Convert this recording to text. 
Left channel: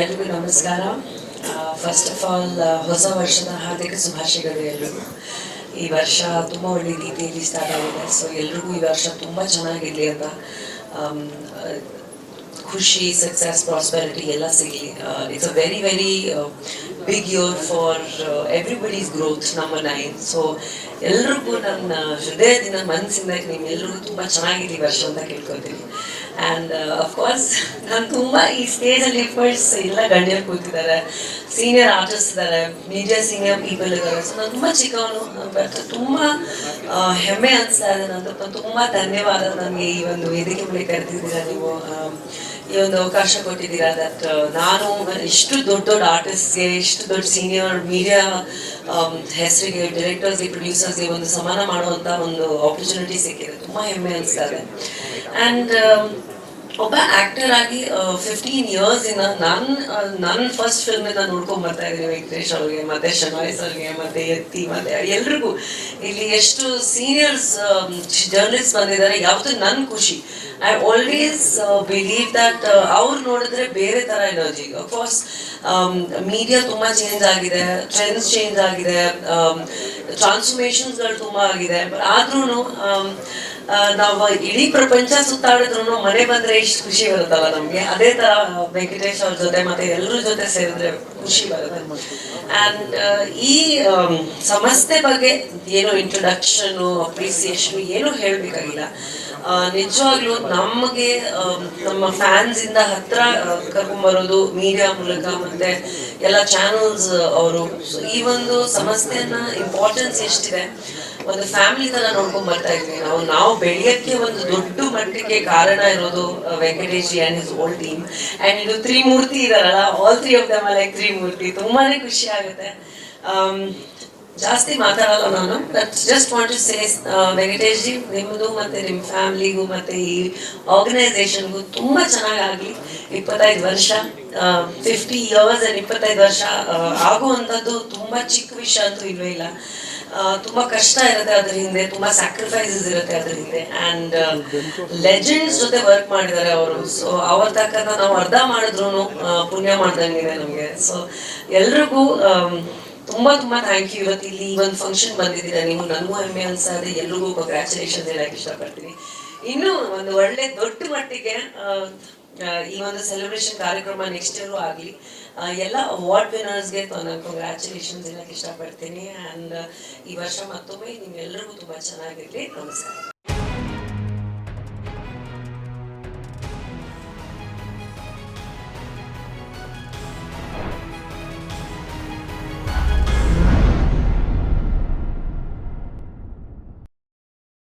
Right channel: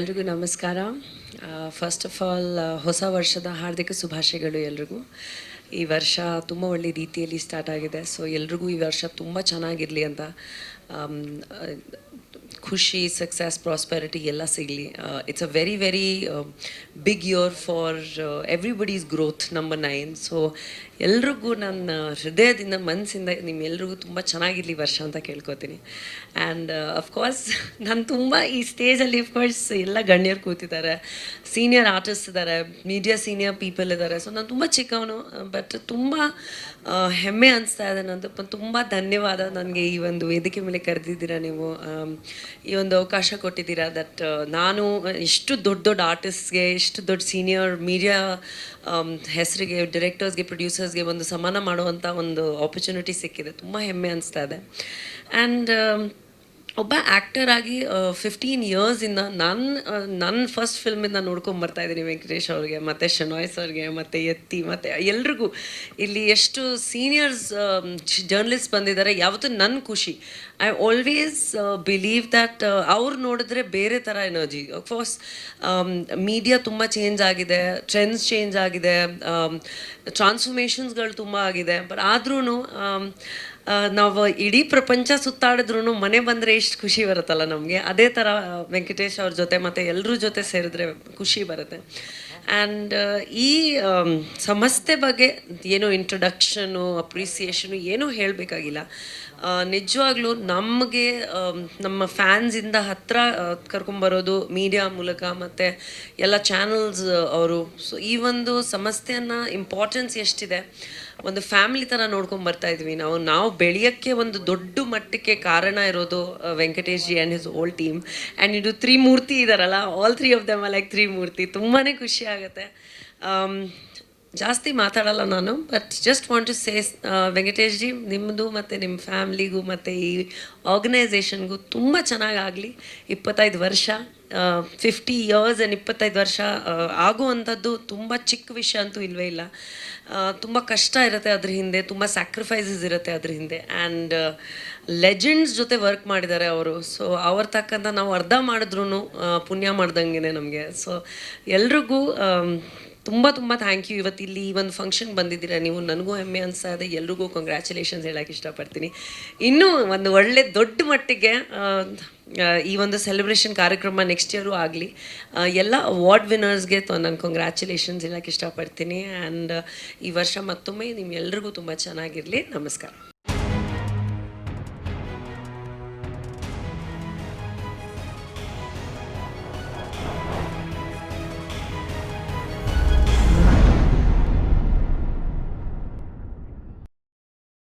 ಎಲ್ರಿಗೂ ನಮಸ್ಕಾರ. First of all ಹೊಸ ವರ್ಷದ ಹಾರ್ದಿಕ ಶುಭಾಶಯಗಳು ಎಲ್ರಿಗೂ. ಈ ವರ್ಷ ತುಂಬ ಒಳ್ಳೆ ರೀತಿಯಲ್ಲಿ ಸ್ಟಾರ್ಟ್ ಆಗಿದೆ. ಸೊ ಎಲ್ರಿಗೂ ಈ ವರ್ಷ ತುಂಬ ಚೆನ್ನಾಗಿರಲಿ ಅಂತ, ಖುಷಿ, ಸಕ್ಸಸ್, ಪ್ರಾಸ್ಪೆರಿಟಿ ಎಲ್ಲ ಸಿಗಲಿ. It's a very very big year for everybody's growth. Number 9. So ಎಲ್ರಿಗೂ ನನ್ನ ಹೃದಯದಿಂದ ಮನಸ್ಸಿಂದ ನೀವೆಲ್ಲರಿಗೂ ತುಂಬ ಚೆನ್ನಾಗಿದೆ ವರ್ಷ ಅಂತ ಕೇಳ್ಕೊತೀನಿ. ಆ್ಯಂಡ್ ಅಫ್ಕೋರ್ಸ್ ನಾನು ತುಂಬ ಈ ಸ್ಟೇಜಲ್ಲಿ ಫಸ್ಟ್ ಎಲ್ಲ ಗಣ್ಯರು ಕೂತಿದ್ದಾರೆ, ಸೀನಿಯರ್ ಆರ್ಟಿಸ್ಟ್ ಇದ್ದಾರೆ, ಮೀಡಿಯಾ ಸೀನಿಯರ್ ಪೀಪಲ್ ಇದ್ದಾರೆ. ಸೊ ನಾನು ತುಂಬ ಚಿಕ್ಕವನು, ಬಟ್ ತುಂಬ ಹೆಮ್ಮೆ ಅನಿಸ್ತಾ ಇದೆ. ನನ್ನ ತುಂಬ ಧನ್ಯವಾದ. ನನಗೆ ಈ ಒಂದು ವೇದಿಕೆ ಮೇಲೆ ಕರೆದಿದ್ದೀರಾ ನೀವು, ಈ ಒಂದು ಅವಕಾಶ ಕೊಟ್ಟಿದ್ದೀರಾ. ದಟ್ ನಾನು ಇಷ್ಟು ದೊಡ್ಡ ದೊಡ್ಡ ಆರ್ಟಿಸ್ಟ್ಗೆ, ಇಷ್ಟು ದೊಡ್ಡ ಸೀನಿಯರ್ ಮೀಡಿಯಾ ಹೆಸರಿಗೆ, ಡೈರೆಕ್ಟರ್ಸ್ಗೆ, ಪ್ರೊಡ್ಯೂಸರ್ಸ್ಗೆ ಒಂದು ಸಮಾನ ಮಾಡುವಂಥ ಒಂದು ಆಪರ್ಚುನಿಟಿ ಸಿಕ್ಕಿದೆ. ತುಂಬ ಹೆಮ್ಮೆ ಅನಿಸ್ತಾ ಇದೆ. ಆ್ಯಂಡ್ ಒಬ್ಬ ಆ್ಯಕ್ಟರ್ ಆಗಿ 15 years ಇಂದ ನನ್ನ ಫಸ್ಟ್ ಫಿಲ್ಮಿಂದ ನೋಡ್ಕೊಂಡು ಬರ್ತಾ ಇದ್ದೀನಿ. ವೆಂಕಟೇಶ್ ಅವ್ರಿಗೆ, ಮತ್ತು ಶನಾಯ್ಸ್ ಅವ್ರಿಗೆ, ಮತ್ತು ಎತ್ತಿ, ಮತ್ತು ಎಲ್ರಿಗೂ ಇಲ್ಲಿ ಎಷ್ಟು ಸೀನಿಯರ್ಸ್ ಜರ್ನಲಿಸ್ಟ್ ಬಂದಿದ್ದಾರೆ. ಯಾವುದು ನನ್ನ ಖುಷಿ. ಐ ಆಲ್ವೇಸ್ ಬಿಲೀವ್ ದಟ್ ಅವ್ರು ನೋಡಿದ್ರೆ ಬೇರೆ ಥರ ಎನರ್ಜಿ. ಅಫ್ಕೋರ್ಸ್ ಮೀಡಿಯಾ ತುಂಬ ಚೇಂಜ್ ಆಗಿದೆ, ಟ್ರೆಂಡ್ಸ್ ಚೇಂಜ್ ಆಗಿದೆ, ಟ್ರಾನ್ಸ್ಫಾರ್ಮೇಷನ್ಸ್ಗಳು ತುಂಬ ಆಗಿದೆ. ಬಟ್ ಆದ್ರೂ ನಾವು ಇಡೀ ಪ್ರಪಂಚ ಸುತ್ತಾಡಿದ್ರು ಮನೆ ಬಂದ್ರೆ ಎಷ್ಟು ಖುಷಿ ಬರುತ್ತಲ್ಲ ನಮಗೆ. ಅದೇ ತರ ವೆಂಕಟೇಶ್ ಅವ್ರ ಜೊತೆ ಮತ್ತೆ ಎಲ್ಲರ ಜೊತೆ ಸೇರಿದ್ರೆ ಖುಷಿ ಬರುತ್ತೆ. ಆ್ಯಂಡ್ ಈ ಸಂಸ್ಥೆ ಬಗ್ಗೆ ಏನು ಇಂಟ್ರೊಡಕ್ಷನ್, ಅಪ್ರಿಸಿಯೇಷನ್ ಏನು ಹೇಳಬೇಕಾಗಿಲ್ಲ. ನಿಜವಾಗ್ಲೂ ನಮಗೆ ನಮ್ಮ ಫ್ಯಾನ್ಸ್ ಇಂದ ಹತ್ರ ಕರ್ಕೊಂಡ್ಬರೋದು ಮೀಡಿಯಾ ಮೂಲಕ, ಮತ್ತೆ ಎಲ್ಲ ಚಾನಲ್ಸ್ ಅವರು. ಈ ಒಂದು ಸಂಸ್ಥೆಯನ್ನ ಇಂಪಾರ್ಟೆನ್ಸ್ ಎಷ್ಟಿದೆ, ಒಂದು ಫ್ಯಾಮಿಲಿ ತರ ನೋಡ್ಕೊಂಡ್ ಬರ್ತಾ ಇದ್ವಿ ನಾವು ಬೆಳೆಯಕ್ಕೆ. ಒಂದು ದೊಡ್ಡ ಮಟ್ಟಕ್ಕೆ ಕಾರಣ ಇರೋದು Venkatesh ji and his whole team. And ಇದು ತ್ರಿಮೂರ್ತಿ ಇದಾರಲ್ಲ, all 3 of them like Trimurti. ತುಂಬಾನೇ ಖುಷಿ ಆಗುತ್ತೆ. ಜಾಸ್ತಿ ಮಾತಾಡಲ್ಲ ನಾನು, just want to say Venkatesh ji, ನಿಮ್ಮದು ಮತ್ತೆ ನಿಮ್ಮ ಫ್ಯಾಮಿಲಿಗೂ ಮತ್ತೆ ಈ ಆರ್ಗನೈಸೇಷನ್ಗೂ ತುಂಬ ಚೆನ್ನಾಗಾಗಲಿ. 25 ವರ್ಷ, 50 years and 25 ವರ್ಷ ಆಗುವಂಥದ್ದು ತುಂಬ ಚಿಕ್ಕ ವಿಷಯ ಅಂತೂ ಇಲ್ವೇ ಇಲ್ಲ. ತುಂಬ ಕಷ್ಟ ಇರುತ್ತೆ ಅದ್ರ ಹಿಂದೆ, ತುಂಬ ಸ್ಯಾಕ್ರಿಫೈಸಸ್ ಇರುತ್ತೆ ಅದ್ರ ಹಿಂದೆ. ಆ್ಯಂಡ್ ಲೆಜೆಂಡ್ಸ್ ಜೊತೆ ವರ್ಕ್ ಮಾಡಿದ್ದಾರೆ ಅವರು. ಸೊ ಅವ್ರ ತಕ್ಕಂತ ನಾವು ಅರ್ಧ ಮಾಡಿದ್ರು ಪುಣ್ಯ ಮಾಡ್ದಂಗಿದೆ ನಮಗೆ. ಸೊ ಎಲ್ರಿಗೂ ತುಂಬ ತುಂಬ ಥ್ಯಾಂಕ್ ಯು. ಇವತ್ತು ಇಲ್ಲಿ ಒಂದು ಫಂಕ್ಷನ್ ಬಂದಿದ್ದೀರಾ ನೀವು, ನನಗೂ ಹೆಮ್ಮೆ ಅನ್ಸಾದೆ. ಎಲ್ರಿಗೂ ಕಂಗ್ರ್ಯಾಚುಲೇಷನ್ ಹೇಳಕ್ಕೆ ಇಷ್ಟಪಡ್ತೀನಿ. ಇನ್ನೂ ಒಂದು ಒಳ್ಳೆ ದೊಡ್ಡ ಮಟ್ಟಿಗೆ ಈ ಒಂದು ಸೆಲೆಬ್ರೇಷನ್ ಕಾರ್ಯಕ್ರಮ ನೆಕ್ಸ್ಟ್ ಇಯರು ಆಗಲಿ. ಎಲ್ಲ ಅವಾರ್ಡ್ ವಿನ್ನರ್ಸ್ಗೆ ನಾನು ಕಂಗ್ರ್ಯಾಚುಲೇಷನ್ಸ್ ಹೇಳಕ್ಕೆ ಇಷ್ಟಪಡ್ತೀನಿ. ಆ್ಯಂಡ್ ಈ ವರ್ಷ ಮತ್ತೊಮ್ಮೆ ನಿಮ್ಮೆಲ್ರಿಗೂ ತುಂಬ ಚೆನ್ನಾಗಿರಲಿ. ನಮಸ್ಕಾರ.